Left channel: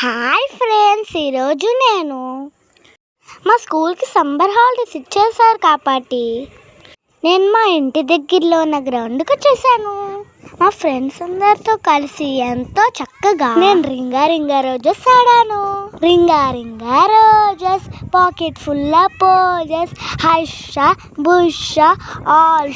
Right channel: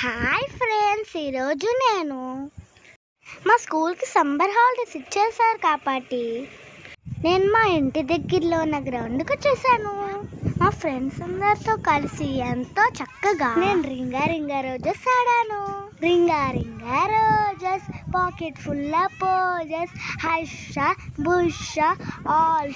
Hi friends, ఈరోజు నేను మా స్కూల్కి సమ్మర్ హాలిడేస్ ఇచ్చేసారు కాబట్టి నేను మా ఇంటి దగ్గరలో ఉన్న గ్రౌండ్కి వచ్చేసాను. మా ఫ్రెండ్స్ అందరితో కలిసి ఎంతో చక్కగా నేను రింగా రింగా రోజెస్ ఆడాను. Ring a ring a roses, pocket full of posies, hush a bush a all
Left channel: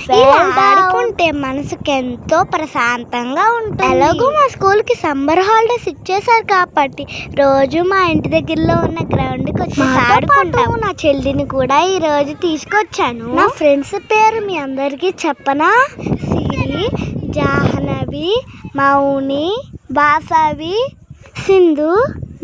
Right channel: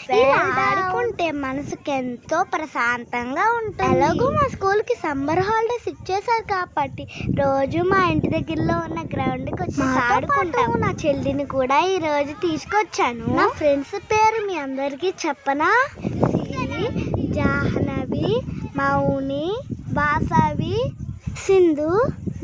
ఆడుకుంటే మనసుకి ఎంతో ప్రశాంతంగా ఉంటుంది. ఎలాగో మా స్కూల్కి సమ్మర్ హాలిడేస్ ఇచ్చేసారు కాబట్టి రోజు మా ఇంటి దగ్గరలో ఉన్న గ్రౌండ్కి వచ్చి ఆడుకుంటాము. నా చెల్లిని కూడా ఈ రోజు తీసుకొచ్చాను. నా ఫ్రెండ్స్ పేరు మీ అందరికీ చెప్పనా? సిరి, జాహ్నవి, మౌని, వాసవి, సింధు.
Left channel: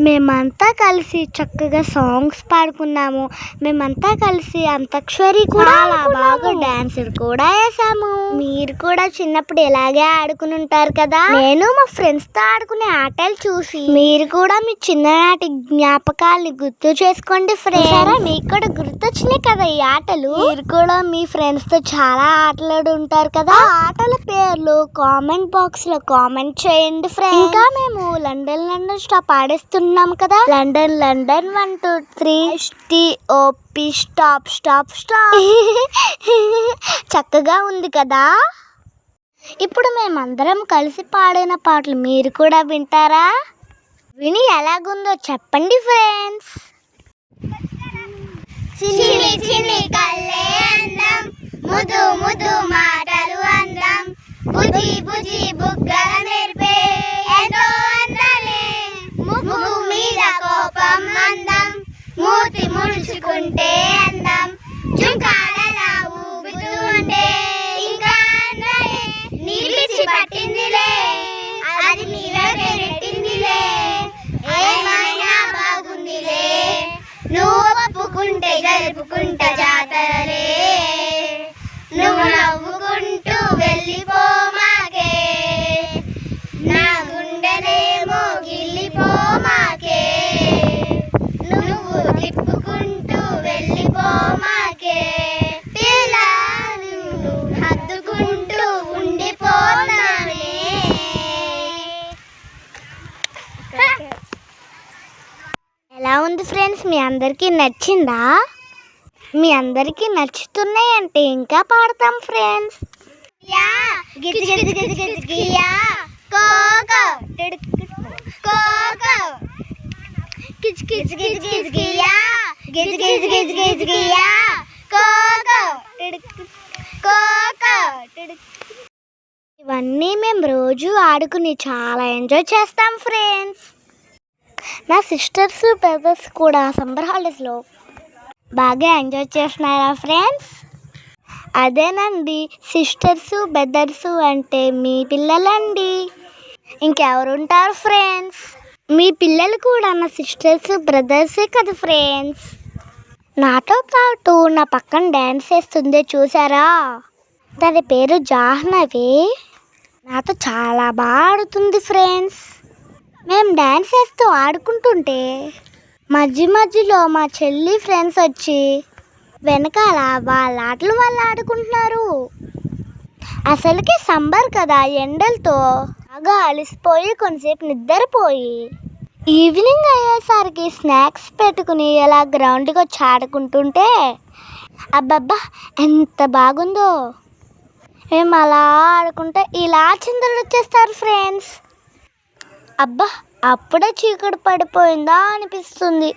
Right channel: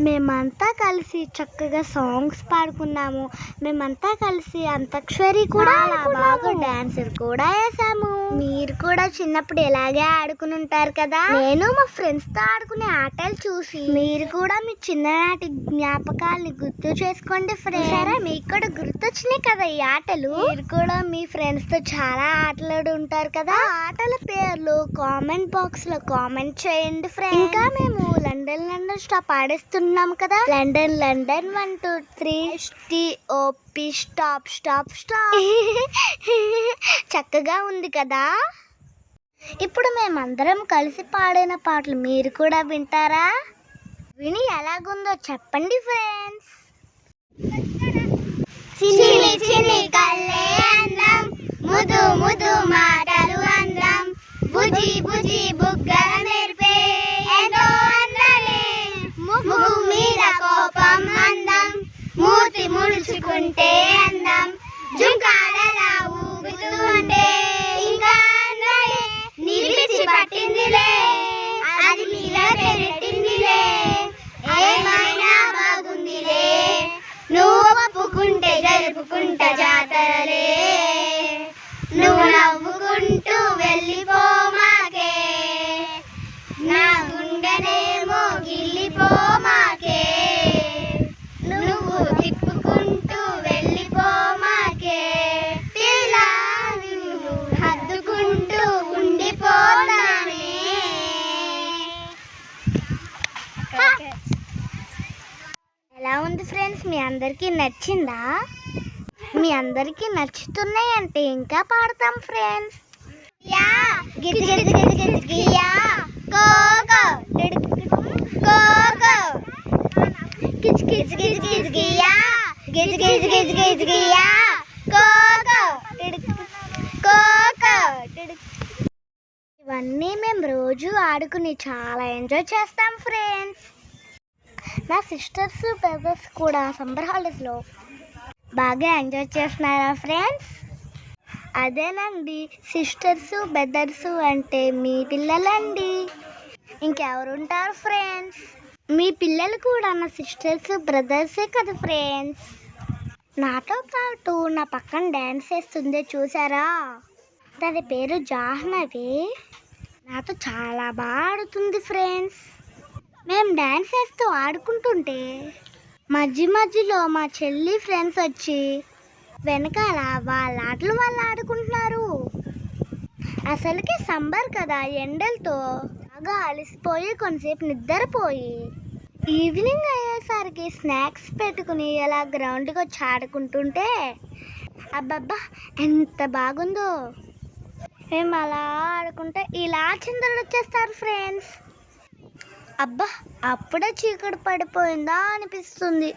మేమంతా కలిసి చక్కగా సాంగ్స్ పాడుకున్నాము. మేమంతా కలిసి అంతాక్షరి కూడా బాగా డాన్సులు కూడా వేసాము. మీరు కూడా చిన్నప్పుడు ఇలాగే ఆడుకుని ఉంటారు కదా. నేను మా ఫ్రెండ్స్ తో ఆడుకునే ఆటలు చూసి మీరు కూడా మీ చిన్ననాటి జ్ఞాపకాలని గుర్తు చేసుకోండి ఫ్రెండ్స్. మీకు కూడా గుర్తొచ్చినాయి కదా ఈ ఆటలు. మీరు కూడా మీ ఫ్రెండ్స్ తో చాలా ఆటలాడి ఉంటారు కదా. ఆ ఆటల పేర్లు కామెంట్ బాక్స్ లో కామెంట్ చేయండి ఫ్రెండ్స్. ఇంకా మేము లండన్ స్టాప్ ఆడేస్తున్నాం కదా. London 1 2 3 STOP stop stop stop. చక్కగా ఉంది కదా. ఇప్పుడు మేమందరం కలిసి పాడిన పాటలు మీరు కూడా వింటారా? విని ఎలాగుందో చెప్పండి ఫ్రెండ్స్. చిన్ని చిన్ని కళ్ళే అందం, ముదు ముదు మాటలు అందం, బుజి బుజి బుగ్గల మెరిపే ఎంతో అందలే, ముగ్గు మీద కోపం అందం, మూతి ముడుచుకుంటే అందం, జుంకాలలా ఊగుతూ ఉంటే ఇంకా అందలే, నిలిచి పట్టిందిలే అది నీవే నెట్టిందిలే, ఏమైనా బాగుందిలే, నువ్వు ఒప్పుకుంటే జరుపుకుంటా జాతరలే, నువ్వు నవ్వుకుంటూ వెళ్ళిపో మాకే, నా గుండెనేమో గిల్లిపో మాకే, నువ్వు తిప్పుకుంటూ వెళ్ళిపో మాకే, పిల్ల నిన్ను హద్దుకుంటూ ఉండిపోతానే. ఎలా ఉంది ఫ్రెండ్స్? మీ అందరికీ నచ్చిందా? మీ అందరికీ నచ్చుతున్నాయంటే ఇంకా పాడతాం ఫ్రెండ్స్. యా గిజ్ గిజ్ గిజ్ గిజ్ గియా కోకో కోకో గిజ్ గిజ్ గిజ్ గిజ్ గియా గిజ్ గిజ్ గిజ్ గిజ్ గియా కోకో కోకో. ఇవన్నీ మేము రోజు ఆడుకుని చాలా ఎంజాయ్ చేస్తాం ఫ్రెండ్స్. నా సిస్టర్స్ బ్రదర్స్ కూడా సమ్మర్ హాలిడేస్లో బాగా ఎంజాయ్ చేస్తున్నారా ఫ్రెండ్స్? అదేనండి, సిస్టర్స్ బ్రదర్స్ అంటే మీ పిల్లలండి, ఇంకెవరుంటారు ఫ్రెండ్స్? మీ పిల్లలు కూడా నా సిస్టర్స్ బ్రదర్సే కదా ఫ్రెండ్స్. నాతో పాటు నా పక్కన డ్యాన్స్ చేస్తుందే చూసారా? దాని పేరు జాహ్నవి. నాతో చాలా బాగా ఆడుతుంది ఫ్రెండ్స్. మేము డ్యాన్స్ చేస్తూ ఆడుకుంటుంటే మధ్యలో మా చెల్లి ఫ్రెండ్స్ వచ్చి వెనకాల వాళ్ళ ఆటలు వాళ్ళు ఆడుకుంటున్నారు. అసలుకి సమ్మర్ కదా, ఎండలతో బాగా అలసిపోయి కొంతసేపు నిద్రపోయి ఈవినింగ్ అయ్యేసరికి స్నాక్స్ పెట్టుకుని ఇలా గ్రౌండ్కి వచ్చి ఆడుకుంటుంటే అబ్బబ్బా ఎంత బాగుందో. మేము అలా ఆడుకుంటే ఇలా చిందరలు వచ్చేస్తారు ఫ్రెండ్స్. అబ్బా, అప్పుడే చీకటి పడిపోయిందా అనిపిస్తుంది.